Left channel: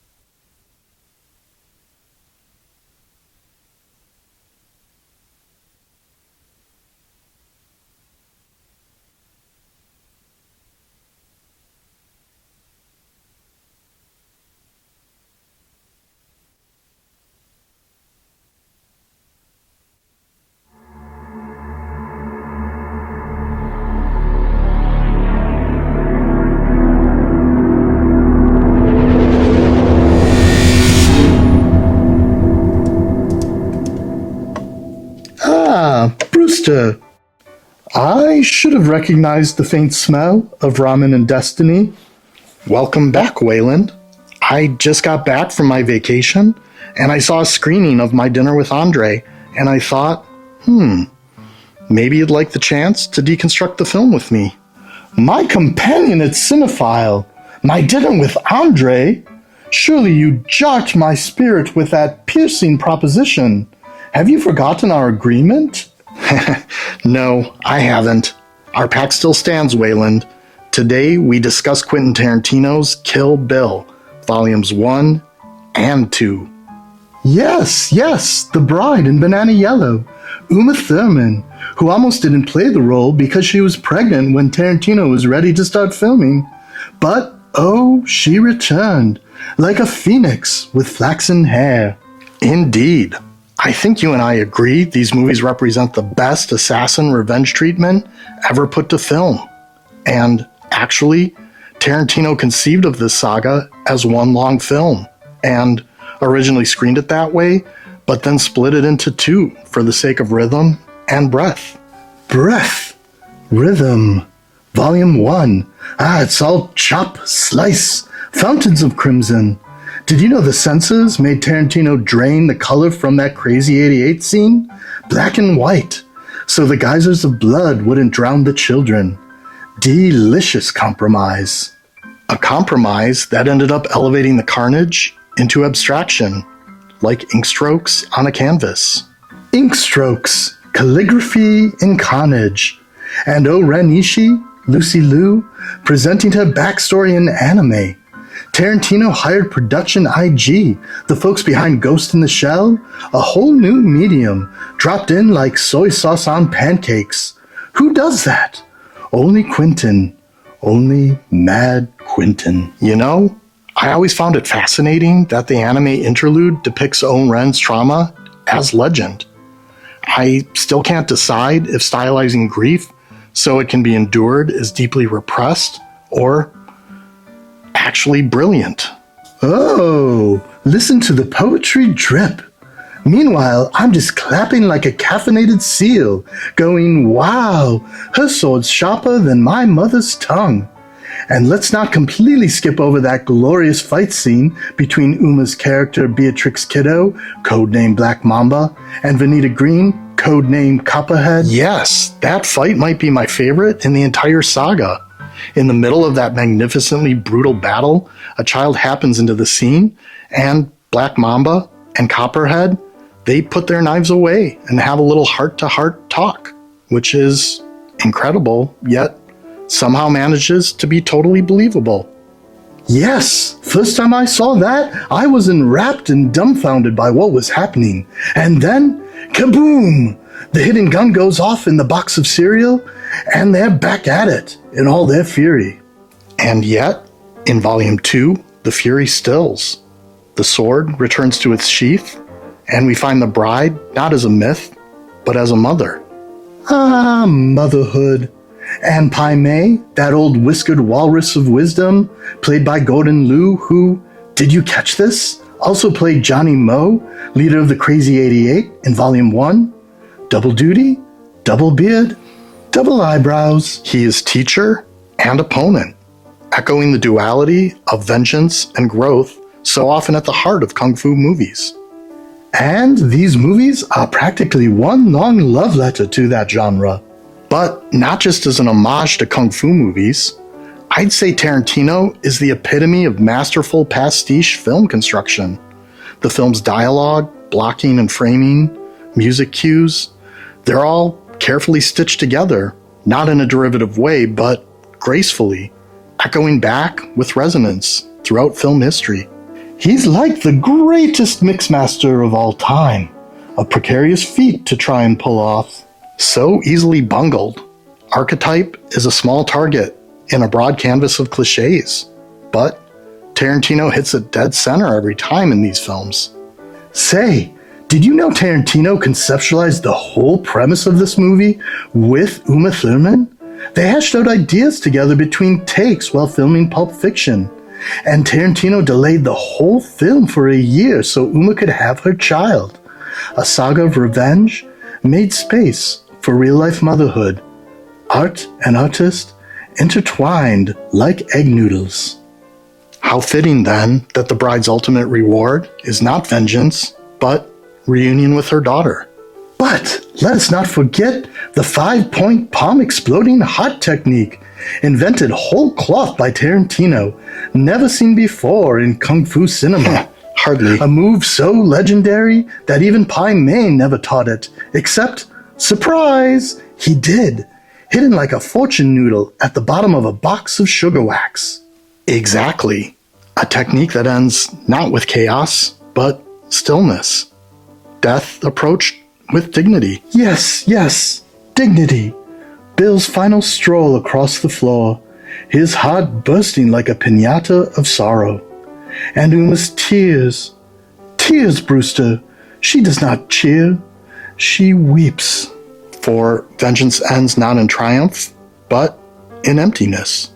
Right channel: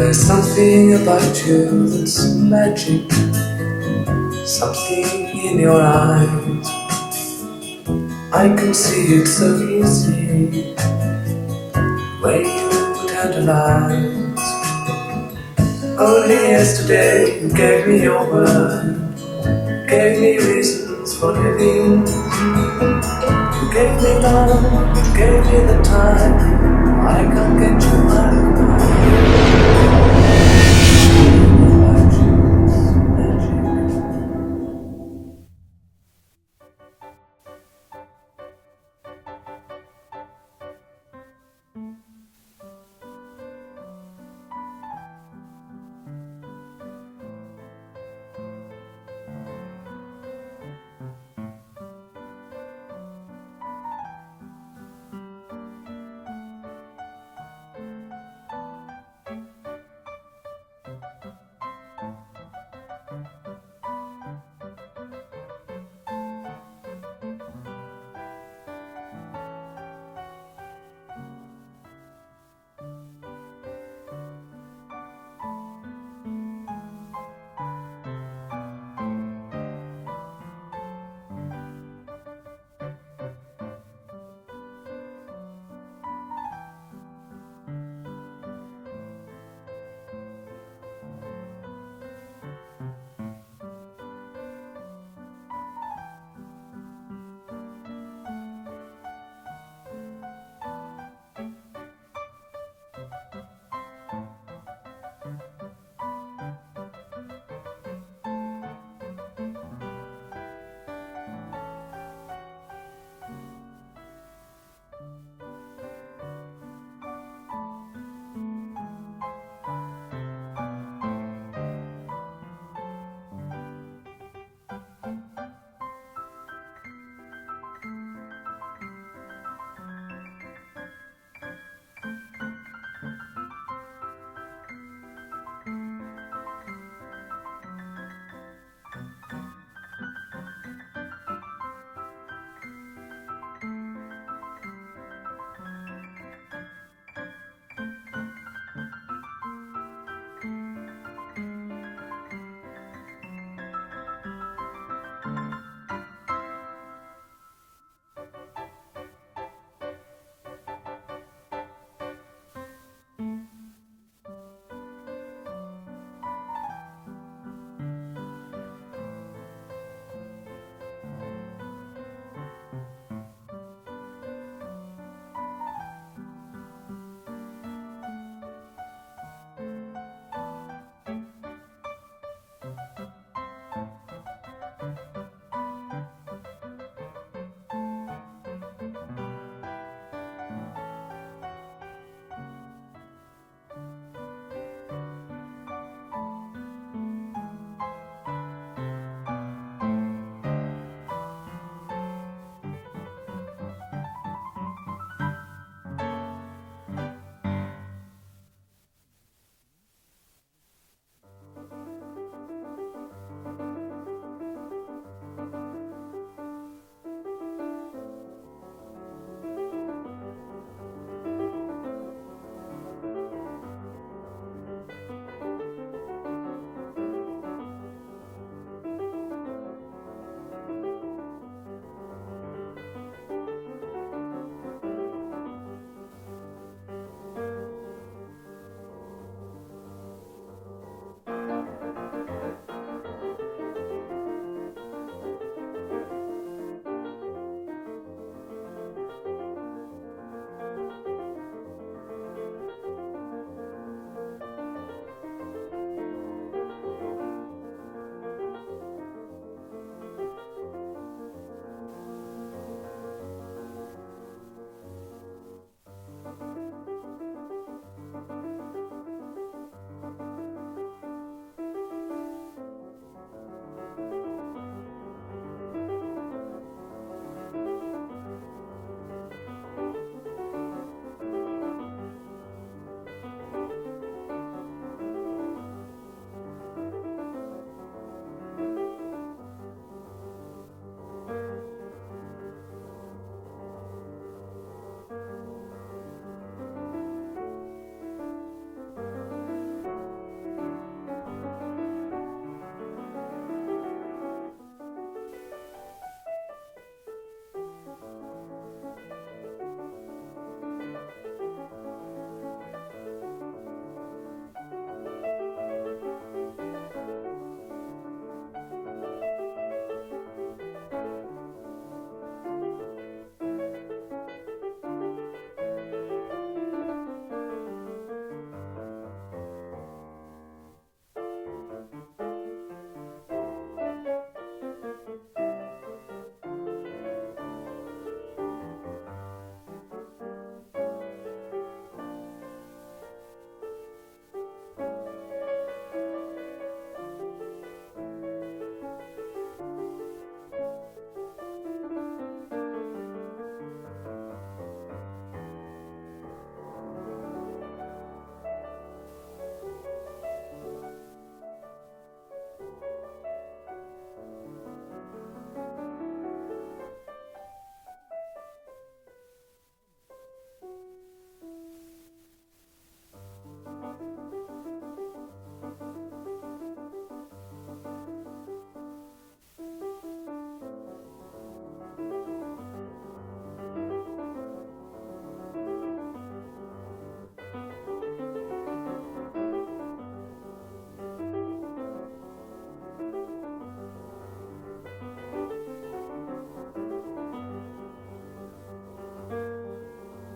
There's something about you that's magic, something in your eyes. I can see it so easy when you tantalize. Only yesterday you gave me your word, gave me reasons for living. You gave me love, you gave me the time. I can't get you out of Brewster. I should have recognized the faint smell of ramen and destiny. Welcome back, Wayland. I just got back from my vacation, and I saw a screening of My Dinner with Andre, and I thought, maybe you'd like the chance to deconstruct the film with me. My companion at Cinephile, My Dinner with Andre? Surely you jocked my spirit with that piercing proposition. Have you forgotten our agreement? No, I haven't. Our pact still stands, Wayland. Today we discuss Quentin Tarantino's Kill Bill, Volumes 1 and 2. Yes, The Bride in Banana Yellow. Uma Thurman, who almost didn't play the role because she was pregnant when Tarantino was ready to start filming. But, oh, she returned, like a phoenix with flaxen hair. Indeed. I think you and I agree these movies represent the best assassin revenge treatment ever put to film. And actually, Tarantino conceived of this saga as one long film, and originally screened it that way, but then split it into two for the sake of rhythm and breath. Breath, rhythm, Volume 1. It's all chop, slice, fountains of crimson. Did you know the censors made Tarantino drain the color from that crazy 88 scene? Black and white, so the geysers of blood wouldn't drown the children. Delicious compromise. A compromise that ended up elevating the carnage into abstraction, like ink strokes on a canvas. Ink strokes, calligraphy in carnage. And Ren Ishii, Lucy Liu, presenting her backstory in anime. Tarantino hired Production IG, the folks behind Ghost in the Shell, a whole new medium, dropped in like soy sauce on pancakes. Who does that? Only Quentin. Only Mad Quentin. You know, I always found it fascinating that the anime interlude depicts Ren's trauma as legend. I still can't decide if stylizing grief so it can be endured is deeply repressed or actually brilliant. Oh, listen to the poetry drip. Meanwhile, I'm just clapping like a caffeinated seal, going, wow, her sword's sharper than my mother's tongue. And let's not completely skip over that glorious fight scene between Uma's character Beatrix Kiddo, codename Black Mamba, and Vanita Green, codename Copperhead. Yes, that fight might be my favorite in the entire saga. In the middle of that magnificently brutal battle, a child happens into the scene, and Black Mamba and Copperhead, they put their knives away and have a little heart-to-heart talk, which is incredible, yet somehow manages to be totally believable. Yes, first time I saw that, I was enwrapped and dumbfounded by what was happening. And then, kaboom! The hidden gun goes off in the box of cereal, and they're back at it in all their fury. And yet, in Volume 2, the fury stills. The sword returns to its sheath, and we find the bride not as a myth, but as a mother. Ah, motherhood. And Pai Mei, that old whiskered walrus of wisdom, played by Gordon Liu, who, did you catch this? Also played Johnny Moe, leader of the Crazy 88 in Volume 1. Double duty, double beard, double eyebrows. He is teacher and opponent, echoing the duality of vengeance and growth so often at the heart of kung fu movies. And these movies are practically one long love letter to that genre. But not just as an homage to kung fu movies, I'd say Tarantino is the epitome of masterful pastiche film construction. The film's dialogue, blocking and framing, music cues, they're all carefully stitched together, not in a derivative way, but gracefully, echoing back with resonance throughout film history. He's like the greatest mixmaster of all time. A precarious feat to try and pull off. So easily bungled. Archetype is a small target in a broad canvas of cliches. But Tarantino hits it dead center every time in these films. Say, did you know Tarantino conceptualized the whole premise of this movie with Uma Thurman? They hashed out ideas together between takes while filming Pulp Fiction. And Tarantino delayed the whole film for a year so Uma could have her child. A saga of revenge made space for real-life motherhood. Art and artist intertwined like egg noodles. How fitting, then, that the bride's ultimate reward is not vengeance, but reunion with her daughter. But let us not forget the 5-point palm exploding hot technique, invented whole cloth by Tarantino, never seen before in kung fu cinema. Hardly. A move so legendary that even Pai Mei never taught it, except, surprise, he did, hidden like a fortune noodle at the bottom of a box of sugar wax. Exactly. A technique that ends not with chaos, but stillness. Death approached with dignity. Yes, dignity. Bill's final stroll across the floor, his heart bursting like a piñata of sorrow. And Uma's tears. Tears, Brewster. She does not cheer. She weeps. For vengeance ends not in triumph, but in emptiness.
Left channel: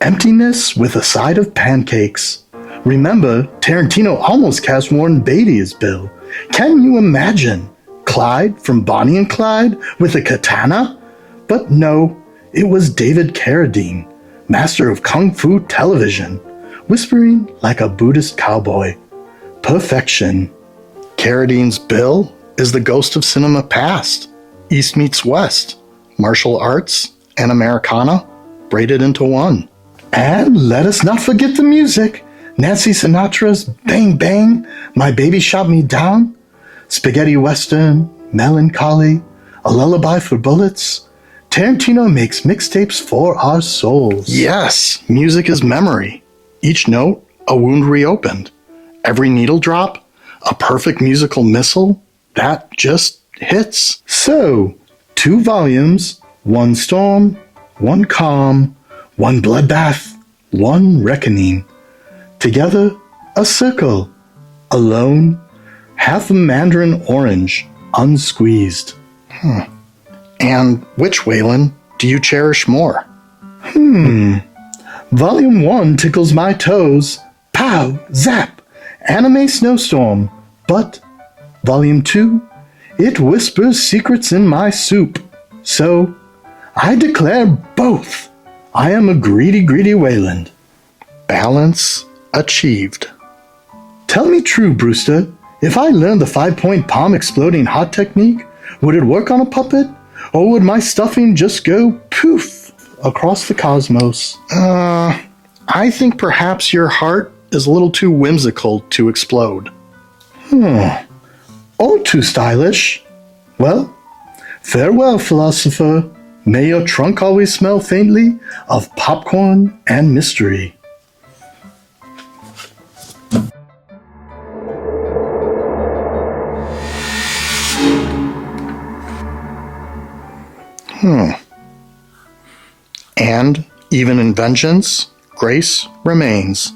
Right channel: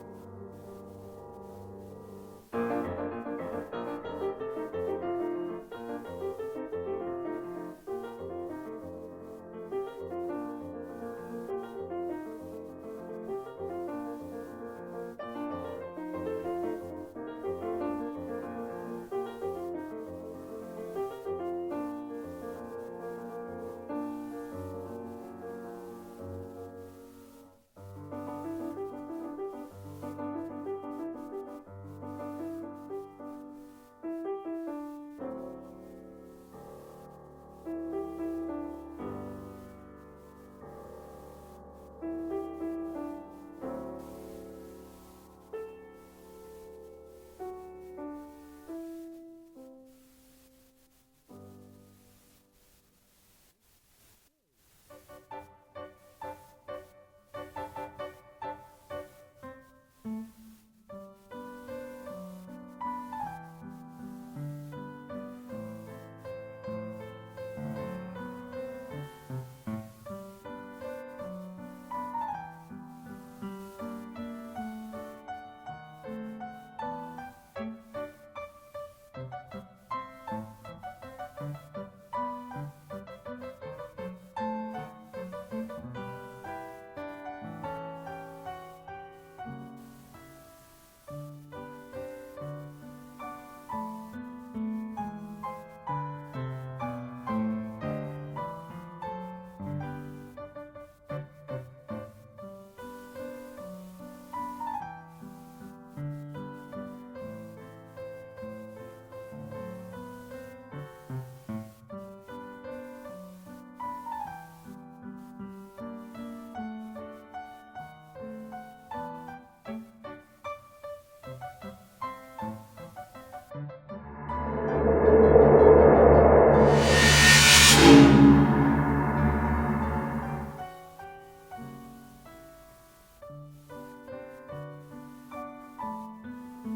Emptiness with a side of pancakes. Remember, Tarantino almost cast Warren Beatty as Bill. Can you imagine? Clyde from Bonnie and Clyde with a katana? But no, it was David Carradine, master of Kung Fu television, whispering like a Buddhist cowboy. Perfection. Carradine's Bill is the ghost of cinema past. East meets West. Martial arts and Americana braided into one. And let us not forget the music. Nancy Sinatra's Bang Bang, My Baby Shot Me Down. Spaghetti Western, Melancholy, A Lullaby for Bullets. Tarantino makes mixtapes for our souls. Yes, music is memory. Each note, a wound reopened. Every needle drop, a perfect musical missile that just hits. So, 2 volumes, 1 storm, 1 calm, 1 bloodbath, 1 reckoning. Together, a circle. Alone, half a mandarin orange, unsqueezed. And which, Wayland, do you cherish more? Volume 1 tickles my toes. Pow, zap, anime snowstorm. But Volume 2, it whispers secrets in my soup. So, I declare both. I am a greedy Wayland. Balance achieved. Tell me true, Brewster. If I learned the 5-point palm exploding hot technique, would it work on a puppet? Or would my stuffing just go poof across the cosmos? I think perhaps your heart is a little too whimsical to explode. Or too stylish. Well, farewell, philosopher. May your trunk always smell faintly of popcorn and mystery. And even in vengeance, grace remains.